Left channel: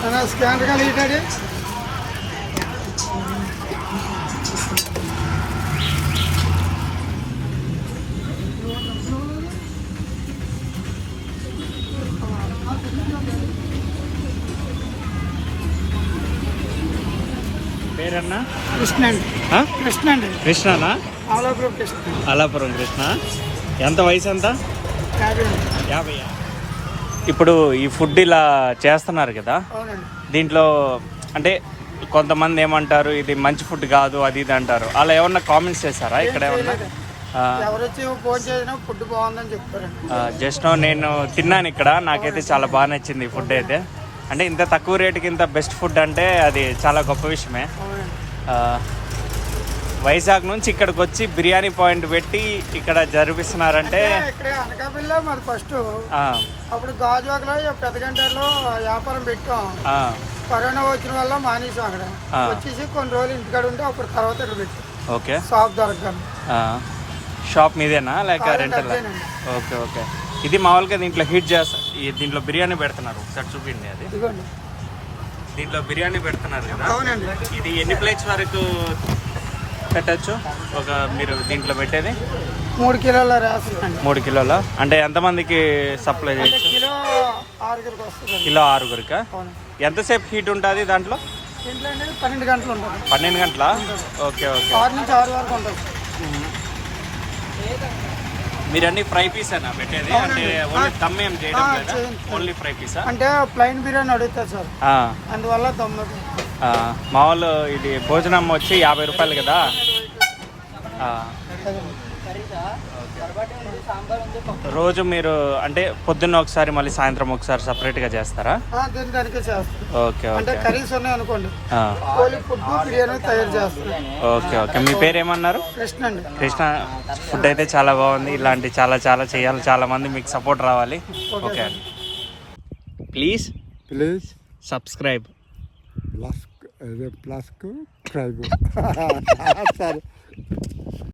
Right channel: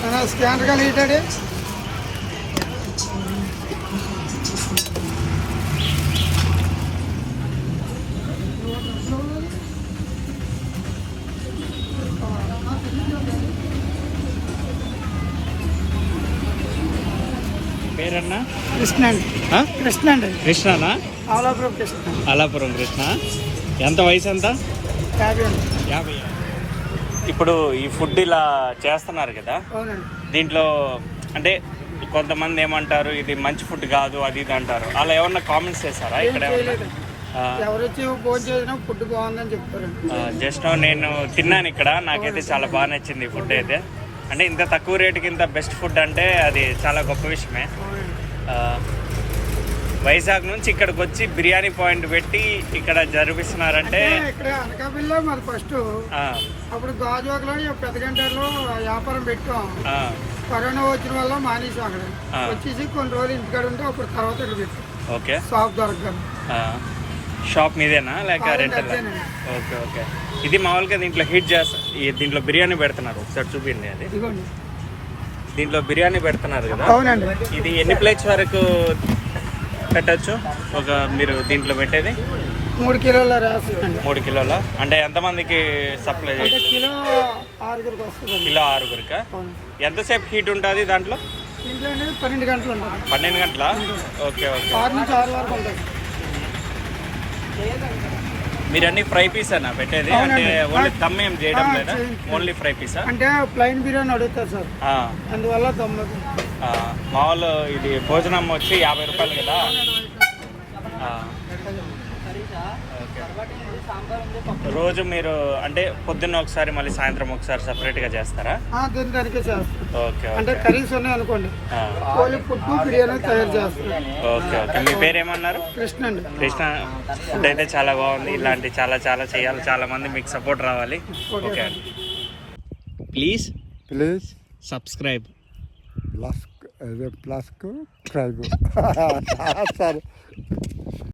Scanner కలిగితాడు. పేరన్నా Krishna అండి. కృష్ణ అండి. కృష్ణనా? ఆలాపురం కృష్ణ. ఆలాపురం కృష్ణ. ఎంత వయసు ఎంత? 50. ఇప్పుడు ఈ ఫుడ్ ఇలా చేస్తున్నారు కదా, దీంట్లో అంటే కొంతమంది ఏమంటారు ఇది మంచి ఫుడ్ కాదు అది ఇది అంటారు, అలా ఏమన్నా కామెంట్స్ చేస్తారా ఇక్కడ? ఫుడ్ బాగుందని చెప్తారు. జస్ట్ నేను తిన్నాను ఇక్కడ, నాకైతే చాలా బాగా నచ్చింది ఫుడ్ అయితే. అంటే ఇంత తక్కువ రేటుకి ఇంత బెస్ట్ ఫుడ్ అంటే అది చాలా గొప్ప విషయమే. వైజాగ్ నుంచి ఇక్కడికి వచ్చి బిర్యానీ పాయింట్ పెట్టి ఇక్కడ జరిపిస్తున్నారంటే ఫస్ట్ అప్పుడు గాజువాకలో పెద్ద గంటలో వ్యాపారం పెట్టాం. కరోనా వచ్చిన వల్ల మానేసి అక్కడ వచ్చేసి కొన్ని రోజులు ఇంటికాడ ఉంటే అప్పుడు తర్వాత ఇక్కడ పెట్టాం. ఓకే. షాప్ దొరకదు. షాప్ మీదేనా లేక రెంటల్? Okay okay. ఇది మామూలుగా దీంట్లో హీట్ చేస్తా, దీంట్లో బిర్యానీ పెడుతున్నారు, ఒకసారి చూపింది. అది దీంట్లో బిర్యానీ పెడుతున్నారు కదా. అవునండి. ఇది ఎన్ని ప్లేట్స్ వరకు పెట్టచ్చు ఒక మీరు దీంట్లో పెట్టేది? 3 కిలోల 3 కిలోల అంటే ఎంతమందికి సప్లై? కిలో 6గురికి వస్తుంది. కిలో 6గురికా? ఎంతసేపు హీట్ ఉంటుంది దాంట్లో? 12 గంటలు ఉంటుంది. 12 గంటల? Okay okay. 6 నుంచి 6 వరకు ఉంటుంది. మీరు అన్ని ఫ్రై పీసేనా పెట్టేది? అంటే ఓన్లీ దమ్ ఏం చేయడం లేదా? Only fry Pisa? అంటే ప్లెయిన్ బిర్యానీ అడుగుతారు సార్, అందువల్ల దమ్. మామూలు ఇది భోజనం వచ్చి 50 రూపాయలు కదా. రోజు మీరు అంటే పొద్దున్న ఒకసారి మళ్ళీ సాయంత్రం ఒకసారి సపరేట్గా చేస్తారా? ఓకే అంటే కర్రీస్ ఉన్నాయి అనుకోండి, ఫుడ్ బిర్యానీ తయారు చేస్తాం. Okay okay. మీ పేరు ఏమన్నారు? కృష్ణ అండి. కృష్ణ. ఫుడ్ అయితే చాలా బాగుంది, ఇలాంటి చాలా చాలా చేయాలి, చాలా మంది మీకు సపోర్ట్ రావాలి. ఓకే అండి. Please subscribe. ప్లస్ సరే.